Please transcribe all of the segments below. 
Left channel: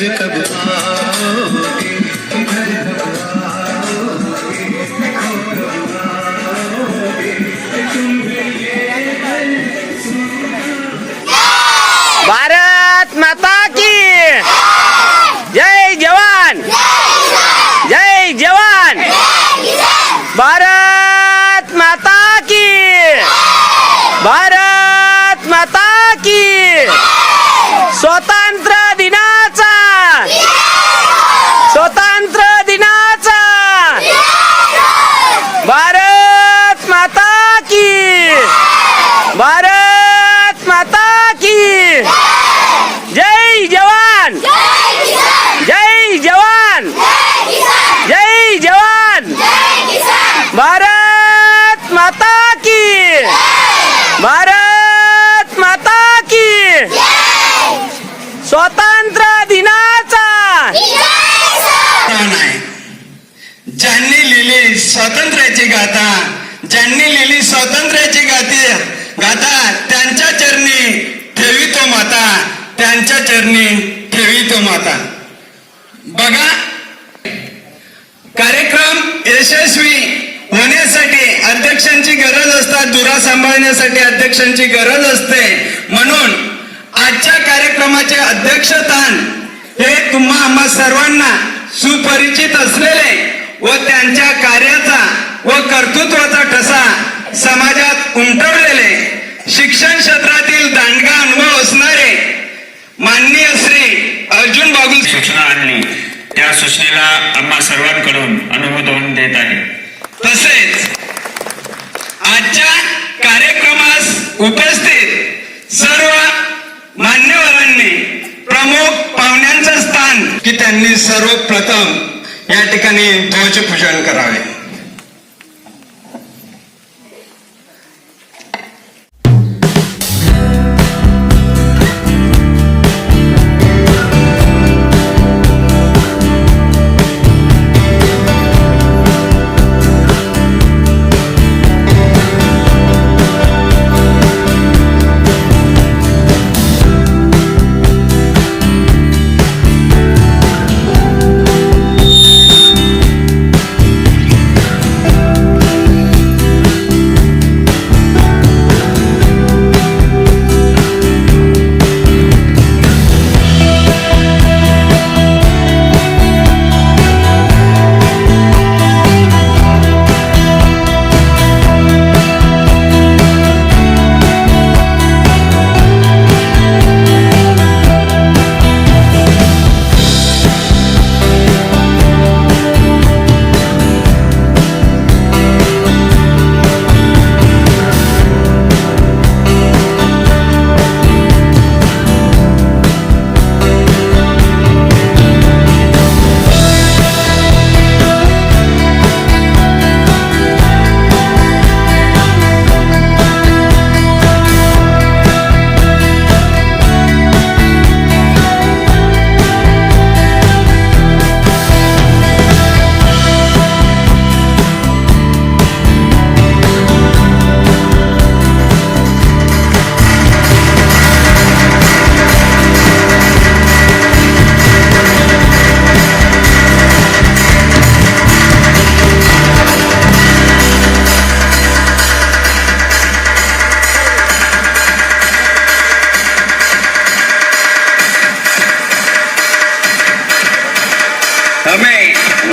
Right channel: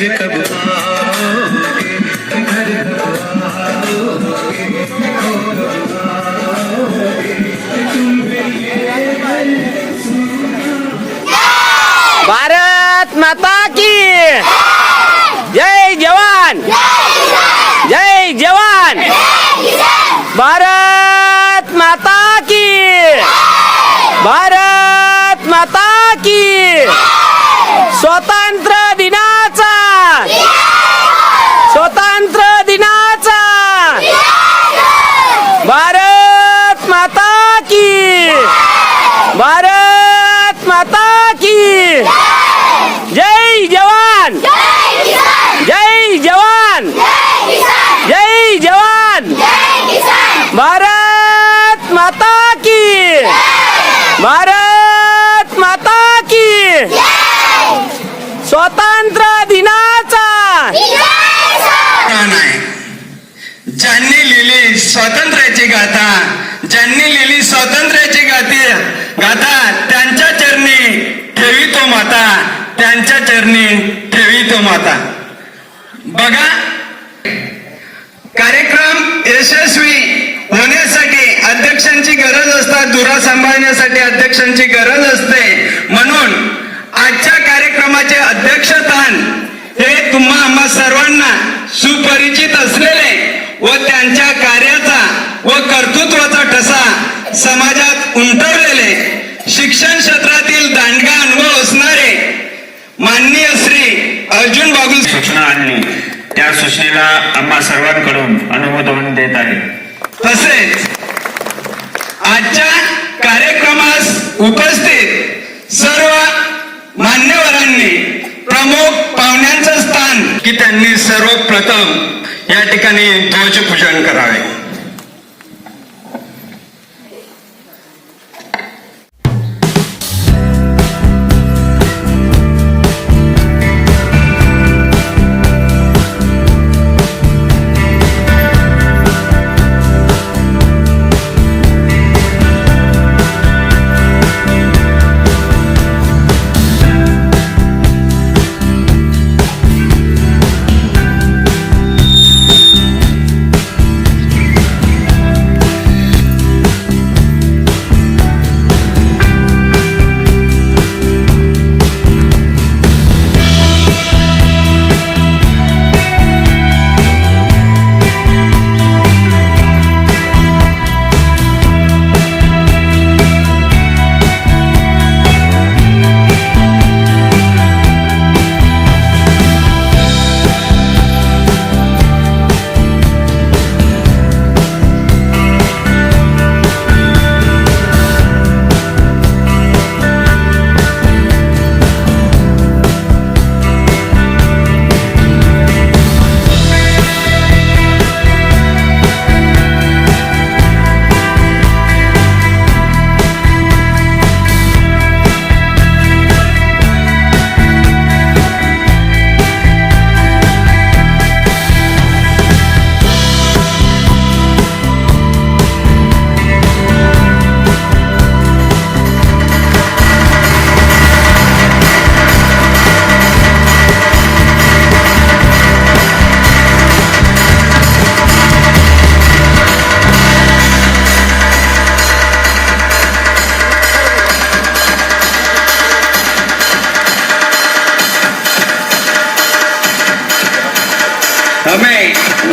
dedicated. Bharat माता की। जय जवान। जय जवान। जय जवान। भारत माता की। भारत माता की। स्वतंत्र दिनाचा। ज्यांनी लिहिली स्वातंत्र्याची गाथा ज्यांनी लिहिली स्वातंत्र्याची गाती गाथा त्यांच्या चरणी ठेवी तो माता. त्यांच्या चरणी ठेवी तो माता. बघा कार्यक्रम यशस्वी होण्यासाठी अध्यक्षांची गरज असतात दुरा सांभाळण्यासाठी अध्यक्षांची गरज असते. म्हणून आजच्या कार्यक्रमाचे अध्यक्षस्थान हे तुम्हा आम्हा सर्वांना सुपरिचित असलेले व त्यांच्या कार्याचा व कर्तृत्वाचा अर्जुन बाबू सूचना आणली. त्या सूचनेला आम्हा सर्वांकडून अनुमोदन देत आहे. तसेच आजच्या कार्यक्रमास उपस्थित सर्व मान्यवरांनी प्रमुख पाहुण्यांचं स्थान की त्यांनी सर्वप्रथम या ठिकाणी ध्वजपूजन करावे.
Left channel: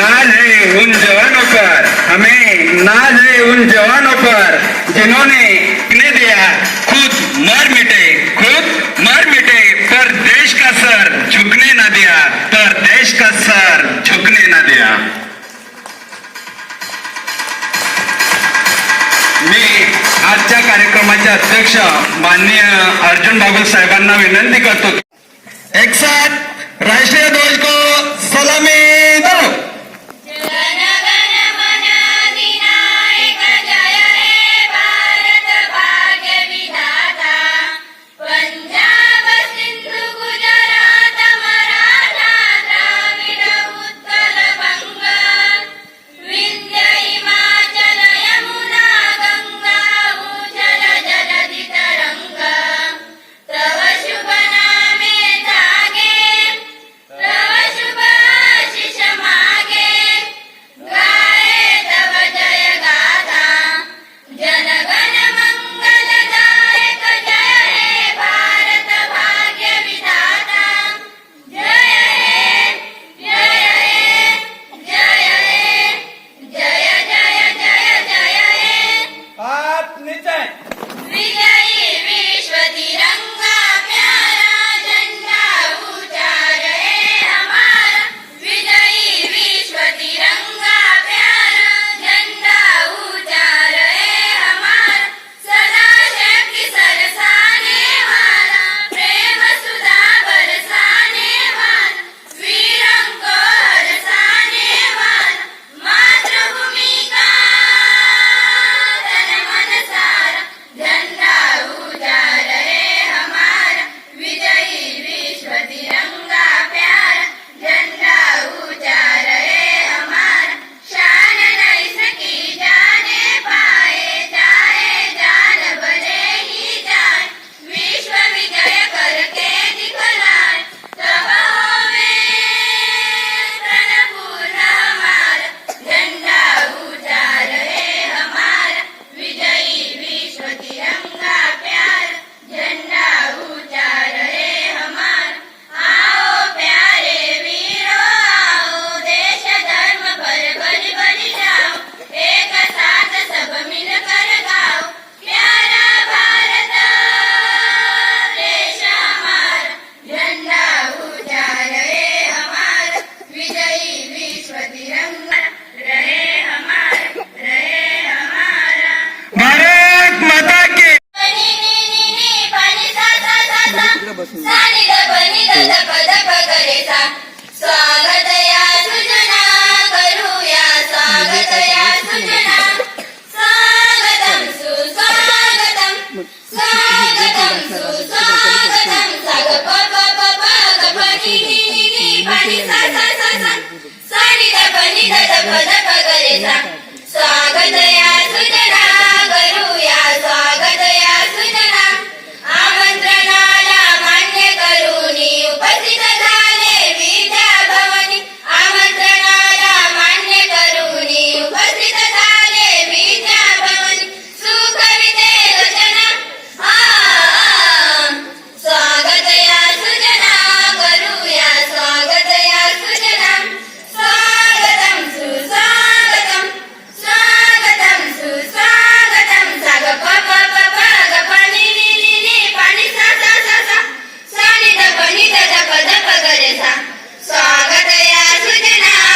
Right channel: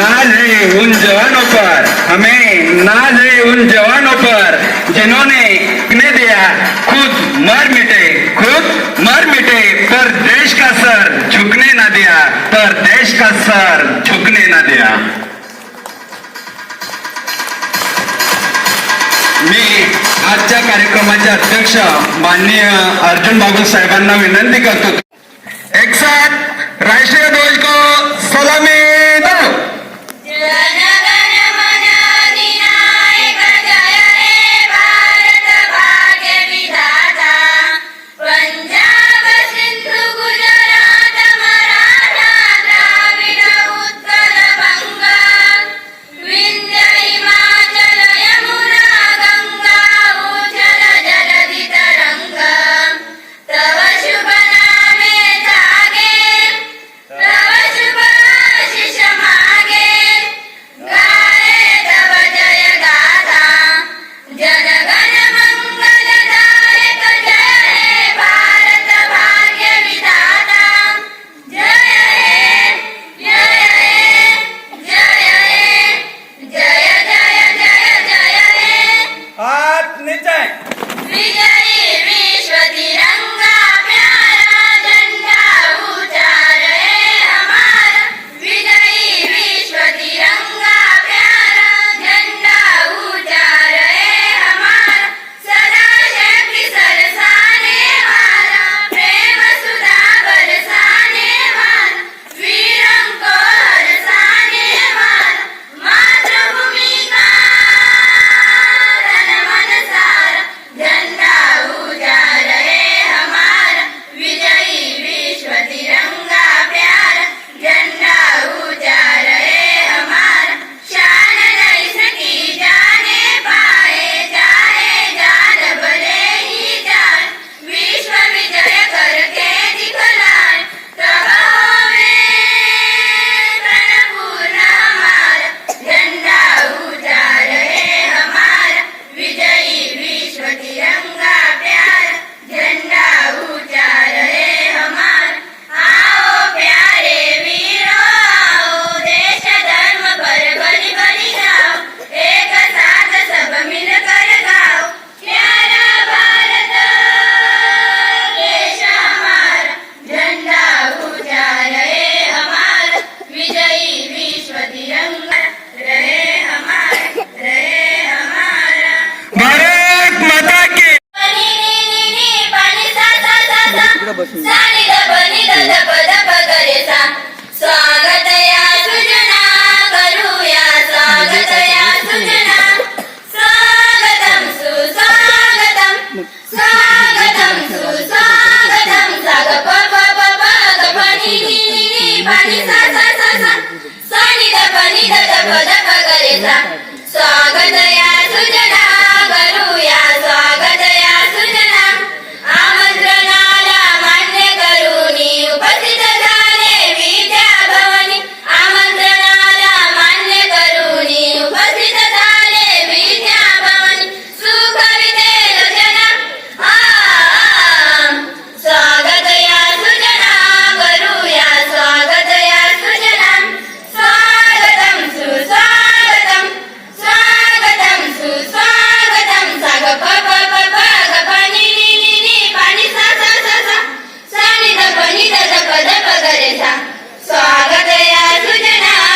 नाज है उन जवानों पर. हमें नाज है उन जवानों पर. जिन्होंने ने दिया खुद मर मिटे खुद मर मिटे. पर देश का सर झुकने ना दिया पर देश का सर झुकने ना दिया. मी आजच्या कार्यक्रमाचे अध्यक्ष माननीय अर्जुन बाबू साहेबांना विनंती करतो. एक साथ राष्ट्रीय ध्वज को सलामी दो. Vijay! Vijay! नि ध प स्वागत या सुजना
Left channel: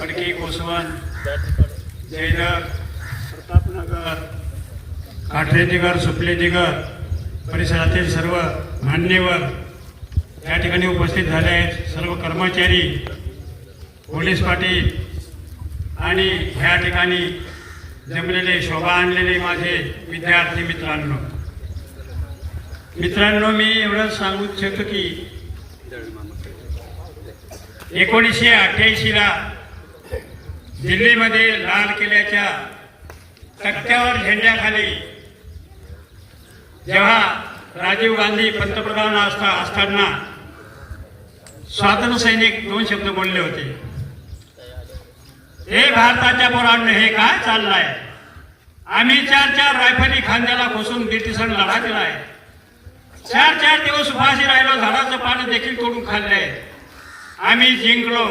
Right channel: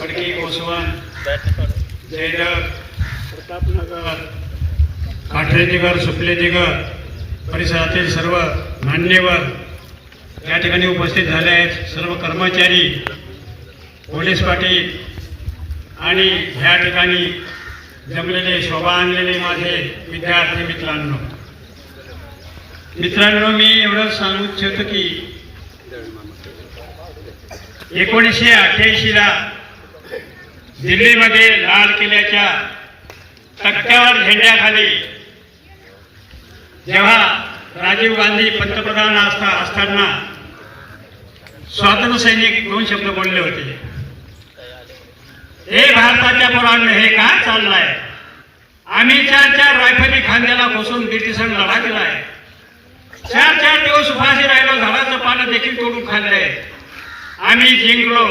खडकी कोसवन जयनगर प्रतापनगर काठरेजीगर सुपलेजीगर परिसरातील सर्व मान्यवर या ठिकाणी उपस्थित झाले आहेत. सर्व कर्मचारी पोलीस पाटील आणि ह्या ठिकाणी जमलेले शोभा आणलेले माझे विद्यार्थी मित्रांनो. मित्रांनो मी एवढं सांगू इच्छितो की एकोणीसशे अठ्ठ्याऐंशीला दिल्लीमध्ये लाल किल्ल्याच्या तक्त्यावर झेंड्याखाली जेव्हा राजीव गांधी पंतप्रधान असता असताना स्वातंत्र्य सैनिक दोन शब्द बोलले होते. हे भारताच्या पोरांनो हे काय चाललंय? आम्ही चार चार रायफली खांद्याला बसून ब्रिटिशांना लढा केलाय चार चार दिवस उपाशी राहिलो झाडाचं पानं देखील तोडून खाल्लंय. आम्ही जिंकलो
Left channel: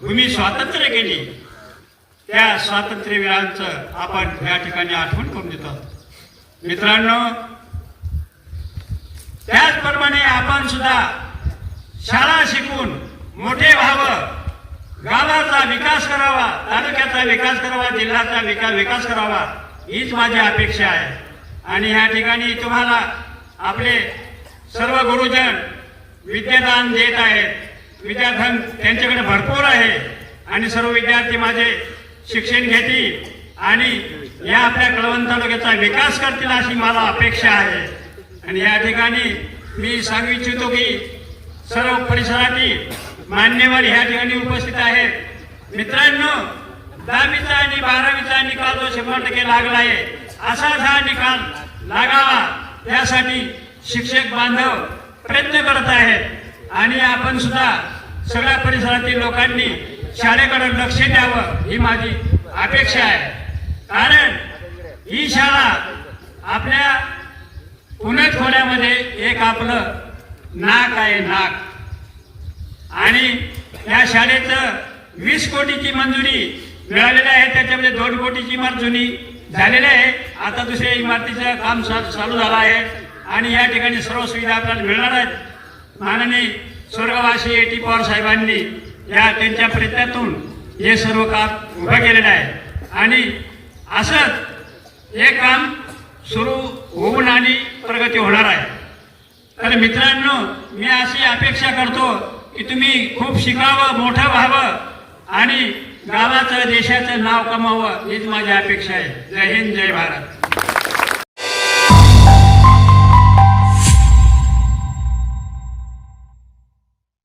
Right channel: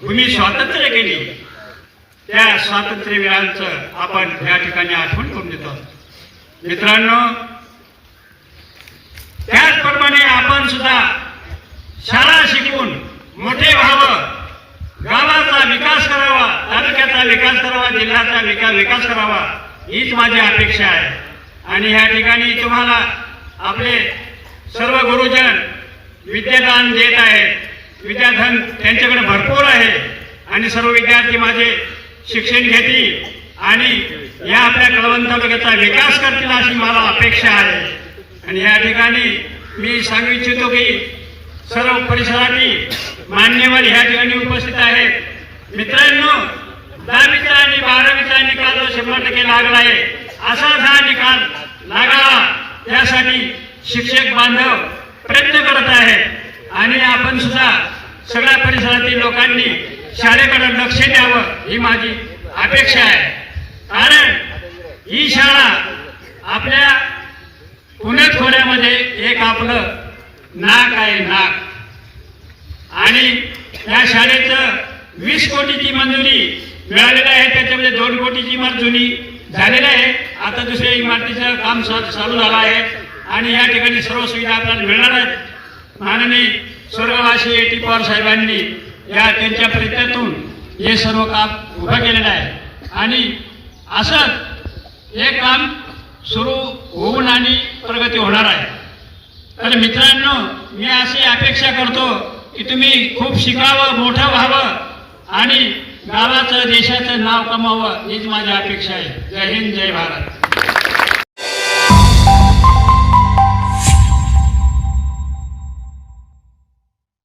भूमी स्वातंत्र्य केली. त्या स्वातंत्र्यवीरांचं आपण या ठिकाणी आठवण करून देतो. मित्रांनो त्याचप्रमाणे आपण सुद्धा शाळा शिकून मोठे व्हावं. गावाचा विकास करावा तालुक्याचा विकास करावा जिल्ह्याचा विकास विकास करावा हीच माझी अपेक्षा आहे. आणि ह्या ठिकाणी तुम्हाला आपले सर्व गुरुजन विद्यादान देत आहेत. विद्याधन त्यांच्याकडे भरपूर आहे. आणि सर्व विद्यार्थी माझे शिक्षण घेतील आणि या आपल्या कळवण तालुक्याचा विकास करतील अशी मला अपेक्षा आहे. आणि या ठिकाणी मी सांगू इच्छितो की सर्व परिसरातील मान्यवर ह्या ठिकाणी उपस्थित आहेत. मित्रांनो दहावीचा आणि बारावीचा निकाल जो शंभर टक्के लागला आहे. असाच हा निकाल लागावा यासाठी शिक्षक बांधव प्रयत्न करत आहेत. आणि आपण सुद्धा सगळ्या परिसरातील लोकांनी शाळेकडे लक्ष द्यावं ही माझी अपेक्षा आहे. कारण ही शाळा आपल्या पुणे खोऱ्यामध्ये एक आपलं नाक आहे नाक. आणि या शाळेचं वीस कोटीची मंजुरी मिळालेली आहे त्याच्यामध्ये दोन कोटीची मंजुरी झालेली आहे. आता दुसऱ्या इमारतीचं काम चालू झालं आहे आणि या ठिकाणी सर्व सुविधा आपल्याला मिळणार आहेत. माननीय स्वर्गवासी ए टी पवार साहेबांनी या त्यांच्या प्रयत्नातून हे सर्व काम उभं केलेलं आहे. आणि असंच हे काम सुरू होऊन आणि प्रगती होणार आहे. तर मित्रांनो मी अशी अपेक्षा करतो की तुम्ही खूप शिकावं मोठं व्हावं आणि गावाचं देशाचं नाव कमावं हीच माझी अपेक्षा आहे. जय हिंद जय भारत.